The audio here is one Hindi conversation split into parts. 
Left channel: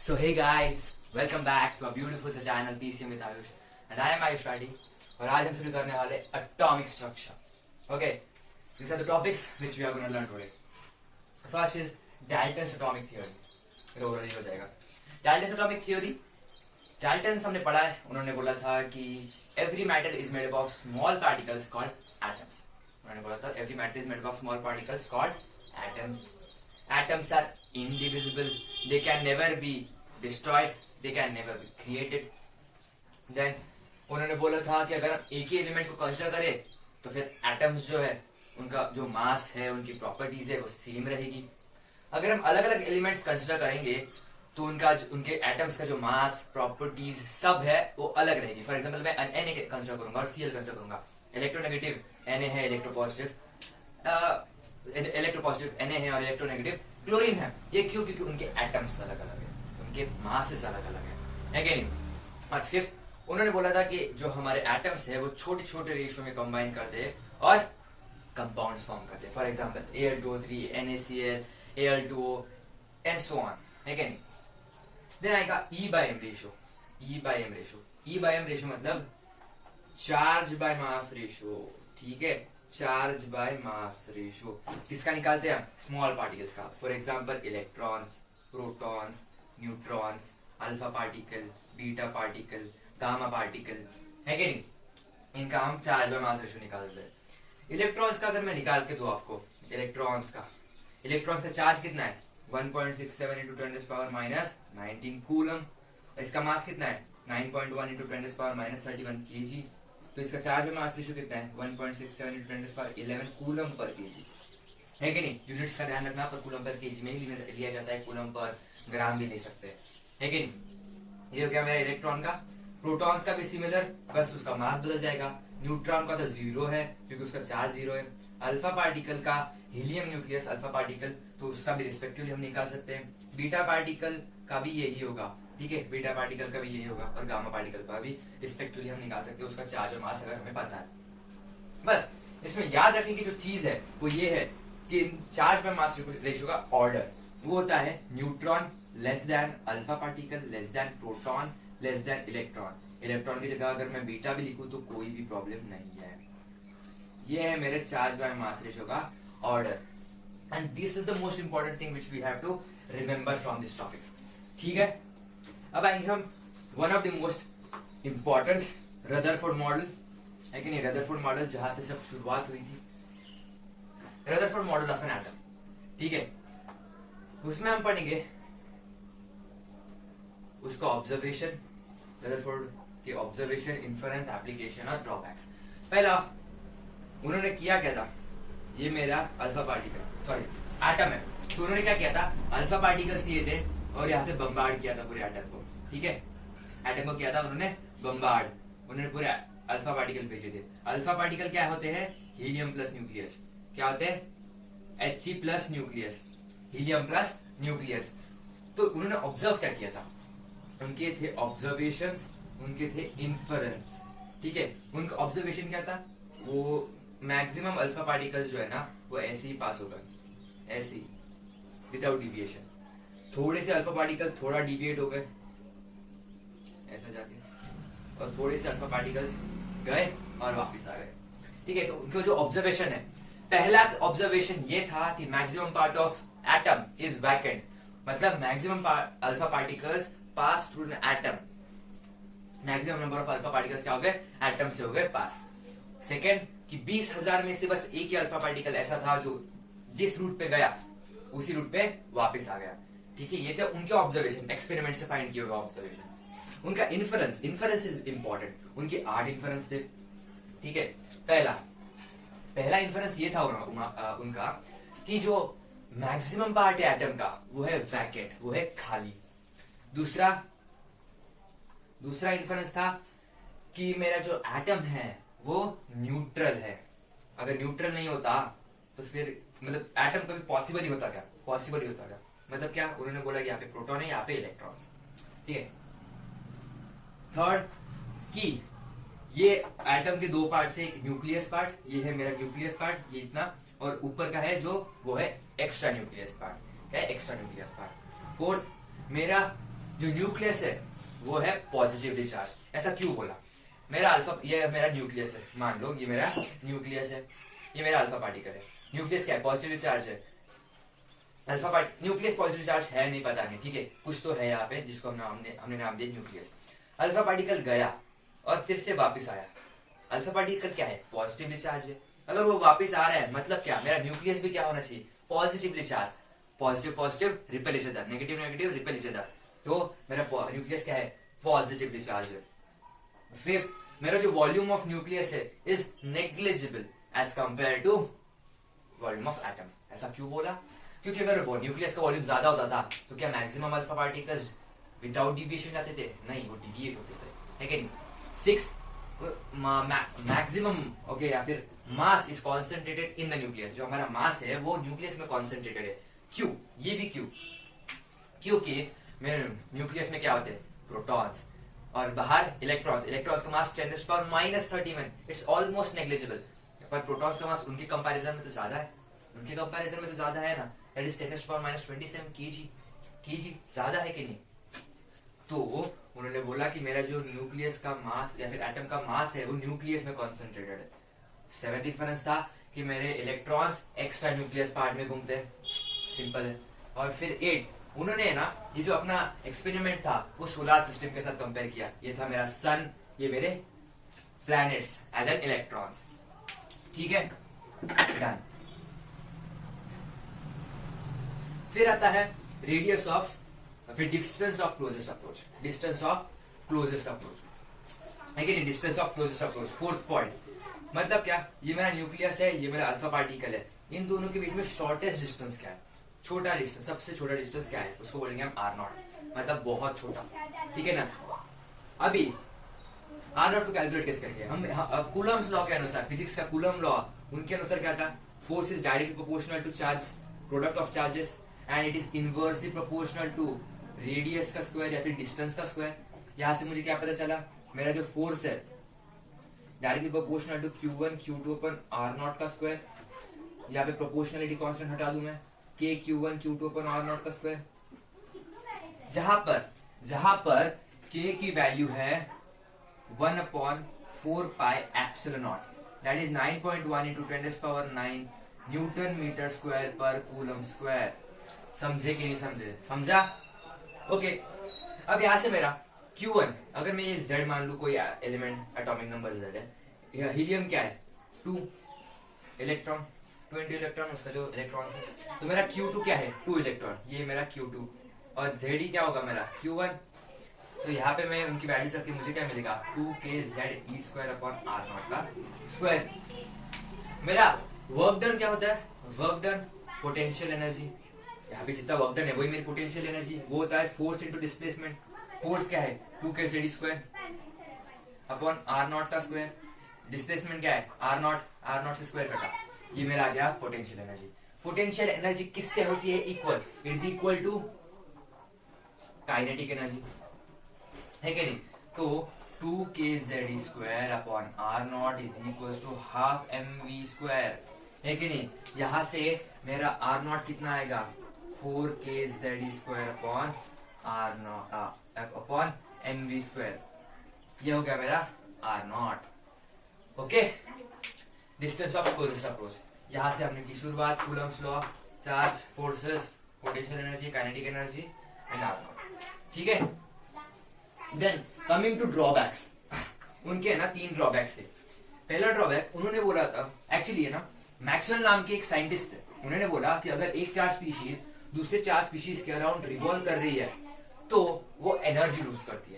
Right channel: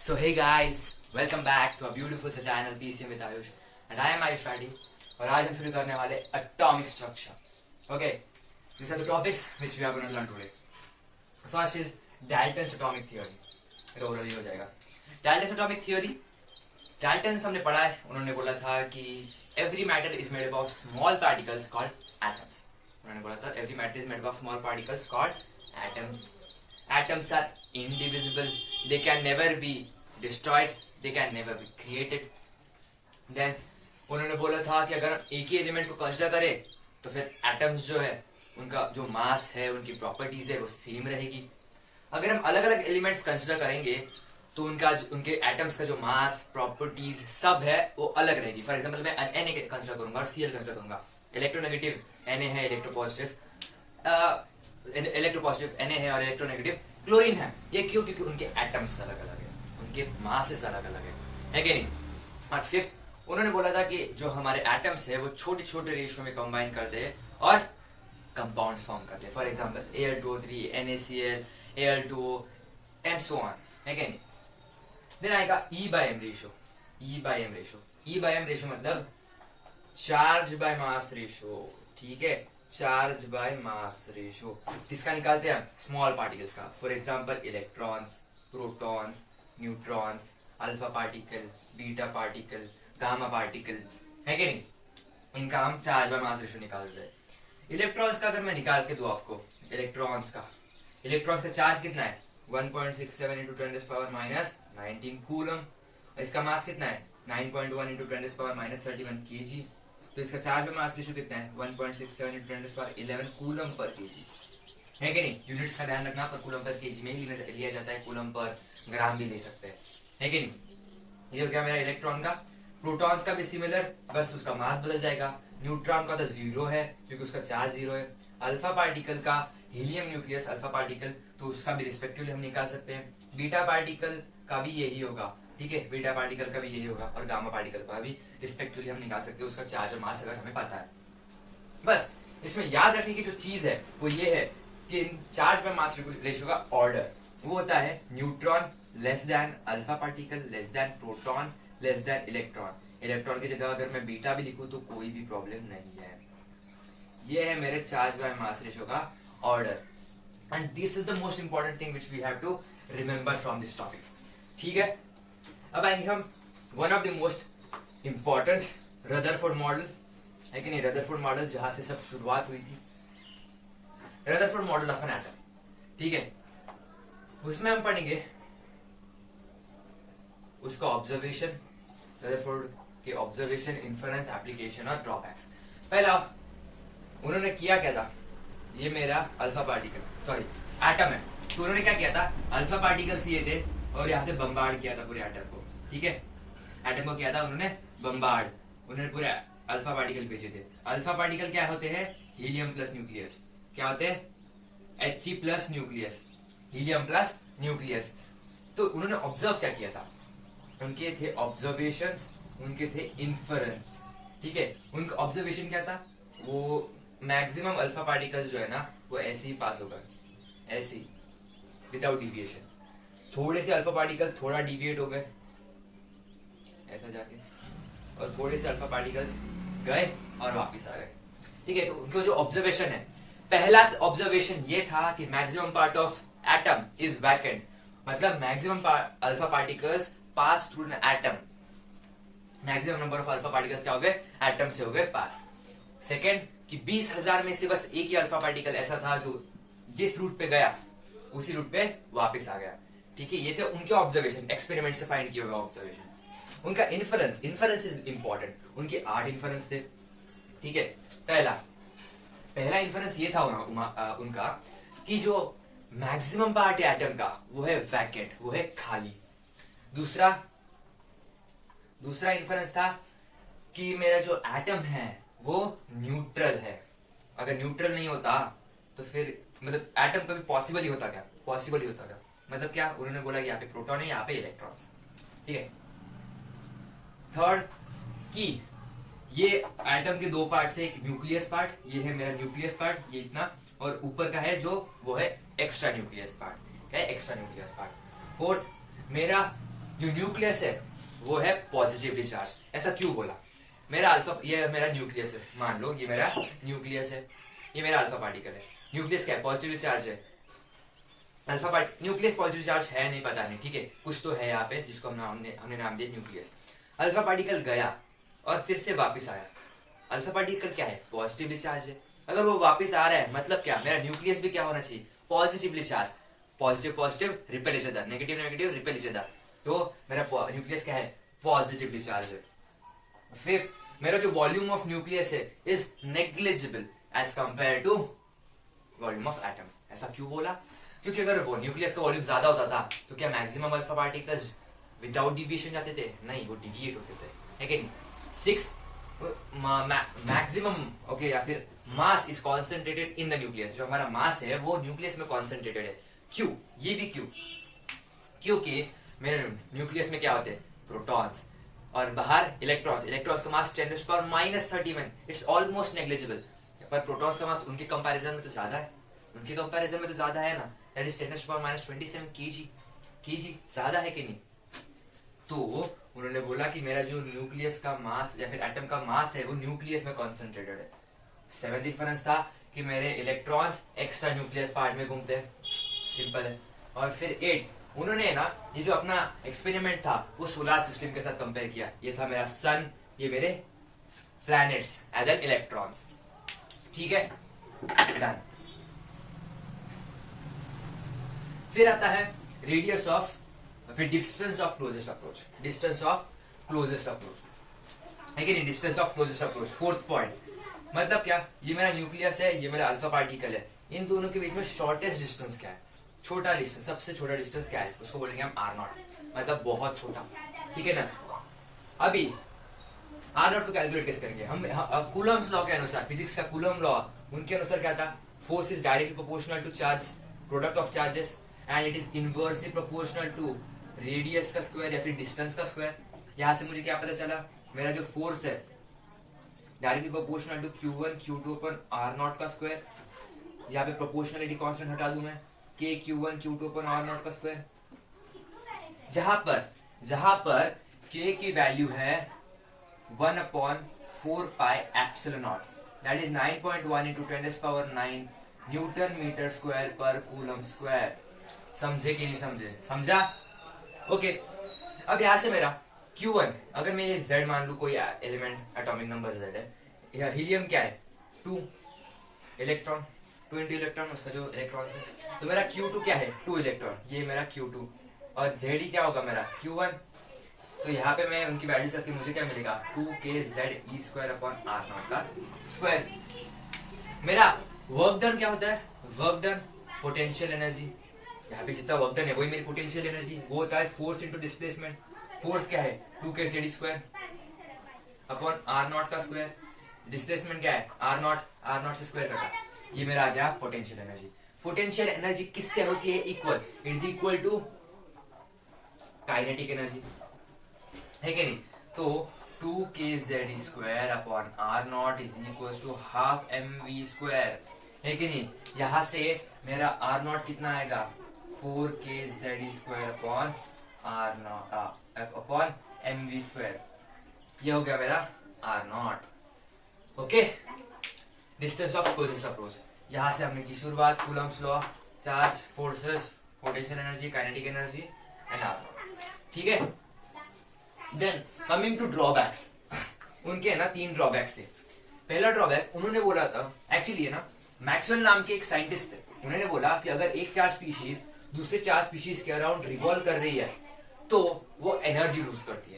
So hey guys, welcome back to a beautiful channel PCM with Ayush and I am Ayush Radi और आज हम शुरू करने वाले atomic structure. Okay, these are the topics which we are going to learn today. First is Dalton's atomic theory. Overview हो जाएगा. Dalton's atomic theory. Dalton हमने पढ़ा है. उन्होंने बोला था कि every matter is made up of small particles called atoms. उन्होंने बोला था every matter is made up of small particles called atoms. Atoms are indivisible. They can never be destroyed. They can never be created. Then उन्होंने बोला था कि अगर हम एक ही एलिमेंट को कंसीडर करें तो फिर एटम्स जो है उनका जो मास है उनकी प्रॉपर्टीज है वो सेम रहेगी. अगर हम अलग अलग एलिमेंट्स कंसीडर करेंगे तो उनके एटम्स का जो मास प्रॉपर्टीज सब है वो अलग रहेगी. फॉर एग्जांपल मैं Na कंसीडर करूंगा और Cl कंसीडर करूंगा. इलेक्ट्रोनेगेटिव Na है, इलेक्ट्रोपॉजिटिव Na है और इलेक्ट्रोनेगेटिव क्लोरीन है. ये क्यों? क्योंकि उनके एटम्स अलग अलग है, उनके मासेस अलग अलग है कि नहीं. और फिफ्थ उन्होंने बोला था कि जो हमारे एटम्स है वो छोटे छोटे रेशियो में कंबाइन करते हैं और कंपाउंड फॉर्म करते हैं. For example Al2O3, NaCl, Al2O and so on है कि नहीं. देन आएगा E/m रेशियो. E/m रेशियो मतलब चार्ज बाय मास रेशियो. ठीक है, चार्ज बाय मास रेशियो किसका निकालते हैं? स्मॉल पार्टिकल्स का. For example electrons, protons, neutrons, alpha particle, beta particle, gamma particle है कि नहीं. इनका हम चार्ज बाय मास रेशियो निकालते हैं. इलेक्ट्रॉन्स का अगर मैं निकाल के दूं आपको, इलेक्ट्रॉन्स का चार्ज कितना है? 1.67 इंटू 10⁻⁻19 कूलम. इसका मास कितना है? 9.1 इंटू 10⁻⁻31 kg. तो इसका चार्ज बाय मास रेशियो कितना है? 1.67 इंटू 10⁻11 कूलम पर kg है कि नहीं. यूनिट्स का ध्यान रखना, पर कूलम पर kg में ही लिया जाता है, कूलम पर ग्राम भी ले सकते हैं है कि नहीं. ये हो गया मेरा इलेक्ट्रॉन का. प्रोटॉन्स का भी सिमिलर, बस उसका मास बदल जाएगा. न्यूट्रॉन का तो जीरो है क्योंकि उसका चार्ज जीरो है. अल्फा पार्टिकल का हीलियम न्यूक्लियस अल्फा पार्टिकल, तो उसका भी रिस्पेक्टिवली हम निकाल सकते हैं. बीटा पार्टिकल का भी यही होगा. ठीक है, बीटा पार्टिकल का भी यही होगा और गामा पार्टिकल का भी रिस्पेक्टिवली हम निकाल सकते हैं उसका चार्ज और मास अगर हमें पता है. बस इसमें याद रखने की जो चीज है वो ये है कि चार्ज बाय मास रेशियो का ऑर्डर वो होता है neutron less than alpha particle less than proton less than electron. Electron की जगह अगर मैं बीटा भी लिखूं तो कोई भी प्रॉब्लम नहीं है. ये है मेरे चार्ज बाय मास रेशियो का order. And this is the most important thing which we have to remember from this topic. ठीक है, अब आएंगे हम one of the most important Rutherford model है कि नहीं. रदरफोर्ड मॉडल जहां से सब शुरुआत हुई थी. Rutherford model of an atom. ठीक है, उसमें हम पढ़ेंगे उसका ऑब्जर्वेशन, रदरफोर्ड के ऑब्जर्वेशन, इन्फरेंस, एप्लीकेशन और ड्रॉबैक्स. पहला उन्होंने किया क्या था, ये मेरा अल्फा पार्टिकल सॉरी एटम है, तो उन्होंने क्या किया था, अल्फा पार्टिकल्स लिए थे और यहां से बम्बार्ड किया था पूरे एटम को. ठीक है, एटम को किया था उन्होंने बम्बार्ड. उन्होंने पूरे अल्फा पार्टिकल भेजे थे. अल्फा पार्टिकल क्या होते हैं? Helium plus nucleus. क्या होते हैं? He plus nucleus, helium plus nucleus. तो उन्होंने ऑब्जर्व क्या किया था? उनके थे ऑब्जर्वेशंस, उनके थे इन्फरेंस. ठीक है, उनका ऑब्जर्वेशन क्या था? वो मैक्सिमम अल्फा पार्टिकल्स जो है ना वो ऐसे ही पास होगा, ऐसे ही विदाउट डिविएशन. थोड़े से अल्फा पार्टिकल थोड़ा डिविएट हो गए ऐसा जाके, और थोड़े से अल्फा पार्टिकल्स गए और वापस आ गए. ठीक है, तो उनका जो ऑब्जर्वेशन है, पहला ऑब्जर्वेशन ये था कि maximum part of atom is vacant. मतलब maximum alpha particles pass through an atom. Maximum number of alpha particles क्या हो गए? एटम से हो गए पास. सेकेंड कि 20,000 में से बस एक ही अल्फा पार्टिकल ऐसा था जो जिस रूट पे गया उसी रूट पे वापस आ गया. ठीक है, ये थे उनके ऑब्जर्वेशन, एक्सपेरिमेंट से फाइंड किए हुए ऑब्जर्वेशन. उनका इन्फरेंस इज इंपॉर्टेंट. उनके 8 इन्फरेंस थे. ठीक है, पहला इन्फरेंस ये था उनका कि जो मैक्सिमम पार्ट है एटम का वो है वैकेंट, वो है खाली. दूसरा इन्फरेंस था कि मेरा जो एटम है वो न्यूट्रल है. अगर न्यूट्रल नहीं होता तो फिर मतलब एटम कभी पॉसिबल ही होता क्या? मतलब क्या? उन्होंने बोला यहाँ पे प्रोटॉन है, यहाँ पे इलेक्ट्रॉन्स. ठीक है. थर्ड कि ये एटम के दो पार्ट से, एक न्यूक्लियस पार्ट, ये है मेरा न्यूक्लियस पार्ट, ये इतना, और ऊपर का है जो वो है एक्स्ट्रा न्यूक्लियस पार्ट. क्या है? Extra nucleus part. फोर्थ मेरा जो न्यूक्लियस है वो है पॉजिटिवली चार्ज। ऐसा क्यों बोला? मेरा अल्फा, ये मेरा न्यूक्लियस है, मान लो ये मेरा न्यूक्लियस है, ये मेरा अल्फा पार्टिकल है। न्यूक्लियस क्या है? पॉजिटिवली चार्ज है। Alpha particle, nucleus positive charge है नहीं, पता नहीं, ठीक है, कुछ तो है यहाँ पे जिसको हमने नाम दिया न्यूक्लियस। अल्फा पार्टिकल गया और फिर से वापस आया। अल्फा पार्टिकल क्या है? पॉजिटिवली चार्ज है। अगर वो वापस आ रहा है मतलब क्या, मेरा न्यूक्लियस भी क्या होना चाहिए? Positively charge. Positive positive repel each other, negative negative repel each other. तो मेरा न्यूक्लियस क्या है? पॉजिटिवली चार्ज है। फिफ्थ, मेरा जो वॉल्यूम ऑफ न्यूक्लियस है is negligible as compare to volume of atom. ऐसा क्यों बोला? क्योंकि अगर वो न्यूक्लियस का वॉल्यूम ज्यादा होता था तो क्या maximum alpha particles without deviation जाते थे? नहीं, वो डिविएट होते थे, है कि नहीं? सिक्स, मैक्सिमम ओके, या फिर mass is concentrated in the nucleus. जो हमारा मास है वो न्यूक्लियस में कॉन्सेंट्रेटेड है। क्यों? ये भी क्यों? क्योंकि मेरे न्यूक्लियस में क्या होते हैं? प्रोटॉन्स, और बाहर इलेक्ट्रॉन्स। इलेक्ट्रॉन्स का मास 10⁻31, इट्स ऑलमोस्ट नेग्लिजिबल। पर प्रोटॉन्स का मास उनके कंपैरिजन में तो ज्यादा है, उनके कंपैरिजन में तो ज्यादा है ना, दैट इज 10⁻27 केजी, ज्यादा है कि नहीं? तो उन्होंने बोला कि मेरा जो न्यूक्लियस का मास या फिर एटम का मास है वो न्यूक्लियस में कॉन्सेंट्रेटेड है। सेवेंथ डिफरेंस था कि मेरे इलेक्ट्रॉन्स एक्स्ट्रा न्यूक्लियस पार्ट में घूमते हैं, सिंपल है। और फिर 8, उन्होंने ना ये जो अपना एक्सपेरिमेंट था वो सोलर सिस्टम के साथ कंपेयर किया। ये था मेरा सन, ये मेरे प्लैनेट्स एज एन इलेक्ट्रॉन्स, ठीक है, डन। फिर आता है रेडियस ऑफ, फिर distance of closest approach. Distance of closest approach है कि नहीं? Distance of closest approach, fourth point. मतलब क्या? ये मेरा न्यूक्लियस है, ये मेरा अल्फा पार्टिकल है, इन दोनों के बीच में शॉर्टेस्ट डिस्टेंस क्या है? छोटा डिस्टेंस, सबसे छोटा डिस्टेंस क्या है? उसको बोलेंगे हम R0, मतलब बहुत छोटा, ठीक है ना? अभी R0 को कैलकुलेट कैसे करेंगे हम? कूलम्स लॉ के अनुसार, फिजिक्स का कूलम लॉ, उनके अनुसार क्या था? Force is directly proportional to charge, product of charges, and it is inversely proportional to radius का स्क्वायर या फिर डिस्टेंस का स्क्वायर। यहां से मुझे क्या पता चला? मेरा जो फोर्स है directly proportional to Q1 Q2 upon R0 का स्क्वायर। यहाँ पे प्रोपोर्शनलिटी कांस्टेंट हटा दूं मैं, K Q1 Q2 अपन R0 का स्क्वायर। जहां पर K की वैल्यू है 1/4 pi epsilon naught, that is 9.1 into 10⁹ newton metre square पर कूलम स्क्वायर। समझे कि नहीं समझे? समझा? ओके। अब यहां से मेरा Q1, अगर मैं ये Z मान लू, कोई एलिमेंट एटॉमिक नंबर Z है, हीलियम क्या है? 2 इलेक्ट्रॉन, 2 इंटू इलेक्ट्रॉन, उसका जो इलेक्ट्रॉन है, तो मेरा Q2 क्या है? 2 इलेक्ट्रॉन, ये मेरा Q2, और Z क्या होगा मेरा? Q1। तो यहाँ पे मैं उनकी वैल्यू रख के मुझे क्या मिलेगा? 2kZe²/R0 का स्क्वायर। मेरा वर्क डन क्या होता है? वर्क डन पोटेंशियल एनर्जी, यहाँ पे जितना वर्क डन है वही मेरी पोटेंशियल एनर्जी, वो होता है फोर्स इंटू डिस्प्लेसमेंट। फोर्स क्या है? 2kZ²/R0 का स्क्वायर। डिस्प्लेसमेंट क्या है? R0 से स्क्वायर कटा, ये मेरा आ गया पोटेंशियल एनर्जी। पोटेंशियल एनर्जी किससे होती है? Equal, it is equal to kinetic energy, है कि नहीं? तो 2kZe²/R0 is equal to half mv², है कि नहीं? यहां से मेरा R0 कितना आएगा? 4kZe²/R0/mv², ये हो गया मेरा R0। Okay, distance of closest approach. यहां से हमने की शुरुआत, Coulomb's law, charge, forces, potential energy, kinetic energy and R0, ठीक है। देन कमिंग टू ड्रॉबैक्स, उनके ना 3 ड्रॉबैक्स थे। पहला ड्रॉबैक उन्होंने बोला था, एक्चुअली है ना, मैक्सवेल नाम के एक साइंटिस्ट थे, उन्होंने बोला कि अगर एक चार्ज स्पीशीज दूसरे चार्ज स्पीशीज के अराउंड रिवॉल्व कर रही है तो वो एनर्जी लूज करती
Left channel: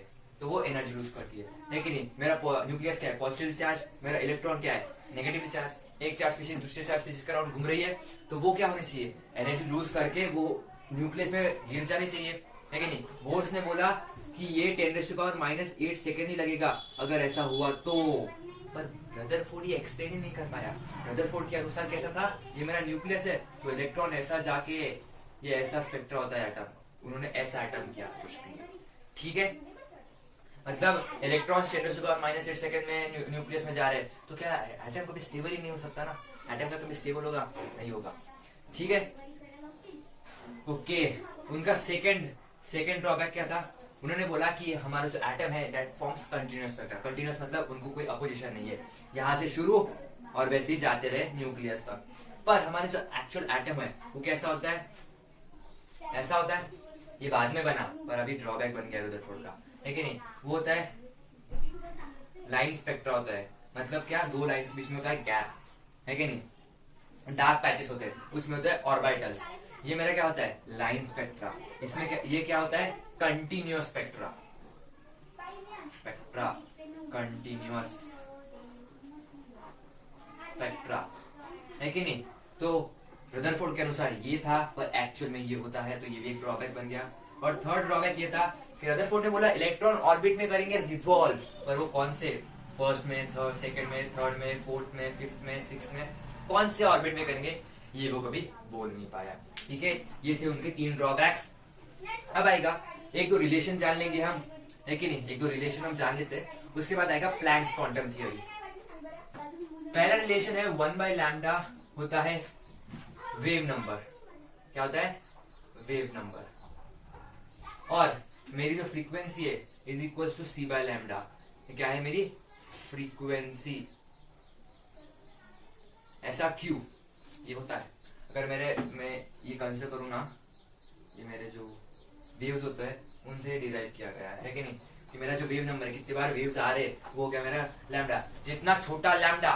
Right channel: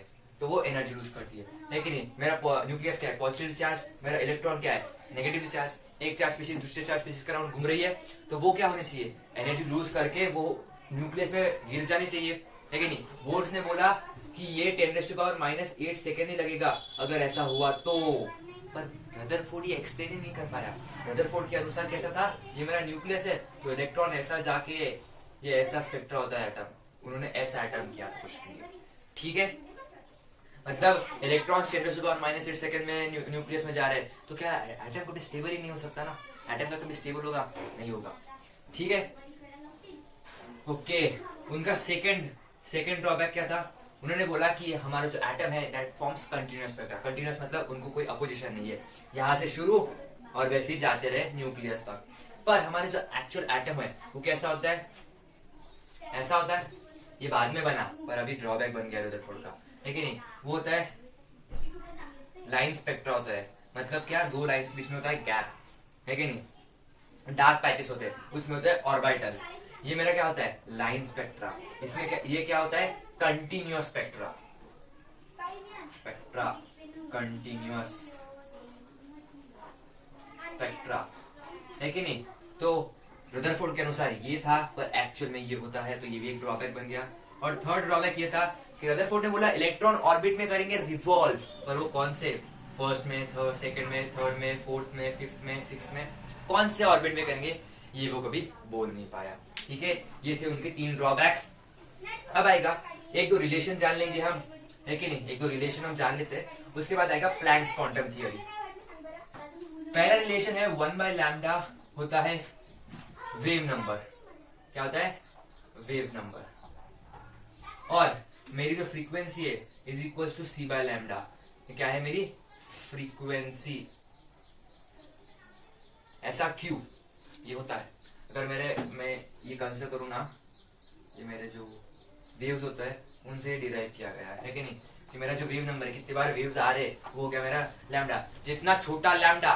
है, लेकिन मेरा न्यूक्लियस क्या है? पॉजिटिव चार्ज, मेरा इलेक्ट्रॉन क्या है? Negative charge. एक चार्ज स्पीशीज दूसरे चार्ज स्पीशीज के अराउंड घूम रही है तो वो क्या होनी चाहिए? एनर्जी लूज करके वो न्यूक्लियस में गिर जानी चाहिए, है कि नहीं? बोर्स ने बोला कि ये 10⁻⁸ सेकेंड ही लगेगा अगर ऐसा हुआ तो, पर रदरफोर्ड ये एक्सप्लेन ही नहीं कर पाया। रदरफोर्ड के अनुसार कैसा था? ये मेरा न्यूक्लियस है तो इलेक्ट्रॉन ऐसा जाके ये ऐसा स्पेक्ट्रा होता है एटम, उन्होंने ऐसा एटम किया कुछ भी, ठीक है? मतलब इलेक्ट्रॉन 10⁻⁸ सेकेंड में न्यूक्लियस में जा रहे हैं तो क्या एटम कभी स्टेबल ही नहीं हो सकता ना? एटम का कभी स्टेबल होगा? नहीं होगा, ठीक है। ओके, उनका सेकेंड ड्रॉबैक क्या था? उन्होंने बोला कि हमारा जो एटम है that forms continuous spectra. Continuous मतलब उनको कोई अपोजिशन नहीं है, यहाँ से शुरू और वैसे ही जाते रहे न्यूक्लियस तक। पर हमारे जो एक्चुअल एटम है वो कैसा होता है, ऐसा होता है। ये बाद में बना पर अभी ड्रॉबैक बन गया रदरफोर्ड का, है कि नहीं। वो होता है लाइन स्पेक्ट्रा होता है, मतलब क्या, दो लाइंस के बीच में होता है गैप, है कि नहीं। डार्क पैचेस होते हैं, उसमें होते हैं ऑर्बिटल्स। ये मेरा क्या होता है, लाइन स्पेक्ट्रा। इसमें क्या, ये क्या होता है, continuous spectra. Spectra continuous spectra, है कि नहीं। तो रदरफोर्ड के अनुसार ये था, पर एक्चुअल में ये होता है, तो ये भी एक ड्रॉबैक बन गया। और थर्ड ड्रॉबैक ये था कि रदरफोर्ड ने बोला इलेक्ट्रॉन ऑर्बिट में करेंगे रिवॉल्व, पर वो कौन से, फर्स्ट में, थर्ड, सेकंड में, थर्ड में, फोर्थ में, फिफ्थ में, सिक्स्थ में, कौन से ऑर्बिट में करेंगे ये वो कभी बोल नहीं पाया। ठीक है, ये थे उनके 3 ड्रॉबैक्स। अब आएगा एक दो रिलेशन जान लेंगे हम, है कि नहीं। एक दो रिलेशन हम जान लेते हैं, उसके बाद आएगा प्लैंक्स क्वांटम थियरी। पहला रिलेशन है 1/λ होता है वेव नंबर। क्या होता है, वेव नंबर। और मेरी जो फ्रीक्वेंसी है इज इक्वल टू c/λ। क्या है मेरी फ्रीक्वेंसी, ऐसा क्यों ये होता है। अगर मैं ये कंसिडर करूं ना, ये मेरे जो वेव्स होता है उनसे डिराइव किया गया है कि नहीं। कि मेरा जो वेव नंबर है, कितनी बार वेव्स आ रहे, वो क्या मेरा लैम्डा। जितना छोटा लैम्डा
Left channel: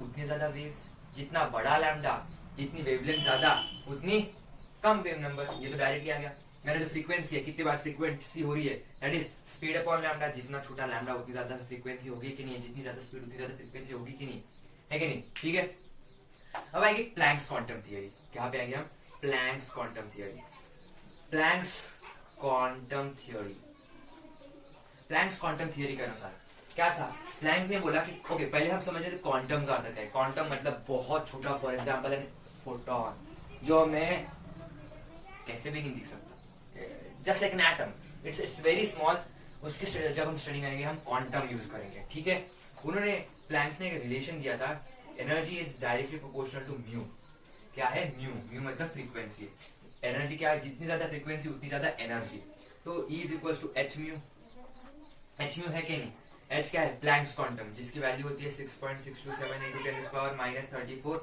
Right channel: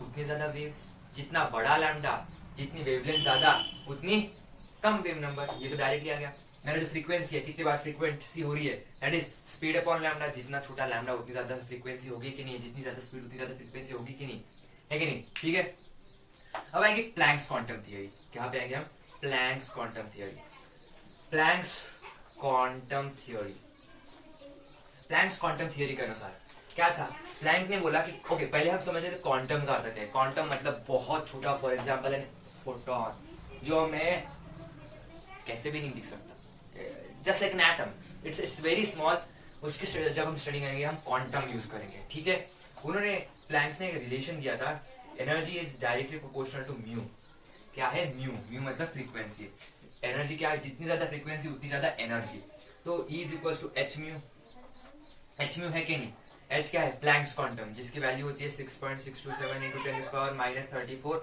उतनी ज्यादा वेव्स, जितना बड़ा लैम्डा जितनी वेवलेंथ ज्यादा उतनी कम वेव नंबर। ये तो डायरेक्टली आ गया। मेरा जो फ्रीक्वेंसी है, कितनी बार फ्रीक्वेंसी हो रही है, that is speed upon lambda. जितना छोटा लैम्डा उतनी ज्यादा फ्रीक्वेंसी होगी कि नहीं, जितनी ज्यादा स्पीड उतनी ज्यादा फ्रीक्वेंसी होगी कि नहीं, है कि नहीं। ठीक है, अब आएंगे प्लैंक्स क्वांटम थियरी। कहां पे आएंगे हम, Planck's quantum theory. Planck's quantum theory, Planck's quantum theory के अनुसार क्या था, प्लैंक ने बोला कि ओके, पहले हम समझे थे क्वांटम का अर्थ क्या है। क्वांटम मतलब बहुत छोटा, फॉर एग्जांपल है फोटोन, जो हमें कैसे भी नहीं दिख सकता, just like an atom, it's very small. उसकी जब हम स्टडी करेंगे हम क्वांटम यूज करेंगे। ठीक है, उन्होंने प्लैंक्स ने एक रिलेशन दिया था, energy is directly proportional to mu. क्या है म्यू, म्यू मतलब फ्रीक्वेंसी। एनर्जी क्या है, जितनी ज्यादा फ्रीक्वेंसी उतनी ज्यादा एनर्जी। तो E is equal to h mu. H mu है कि नहीं, एच क्या है, प्लैंक्स क्वांटम, जिसकी वैल्यू होती है 6.627 इंटू 10⁻⁻³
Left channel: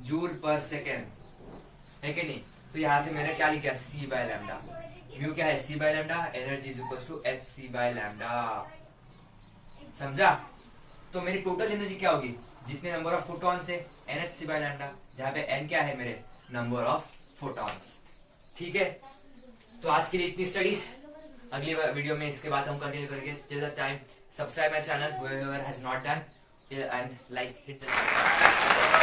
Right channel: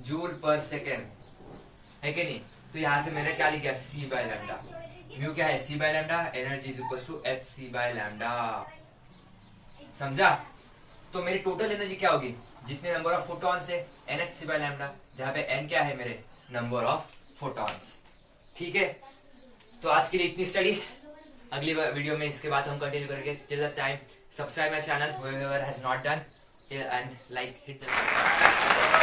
जूल पर सेकेंड, है कि नहीं। तो यहां से मैंने क्या लिखा, c/λ। म्यू क्या है, c/λ, energy is equal to hc/λ। समझा। तो मेरी टोटल एनर्जी क्या होगी, जितने नंबर ऑफ फोटॉन्स है nhc/λ, जहां पे n क्या है मेरे नंबर ऑफ फोटॉन्स। ठीक है, तो आज के लिए इतनी स्टडी। अगली वीडियो में इसके बाद हम कंटिन्यू करेंगे। Till the time subscribe my channel whoever has not done and like hit the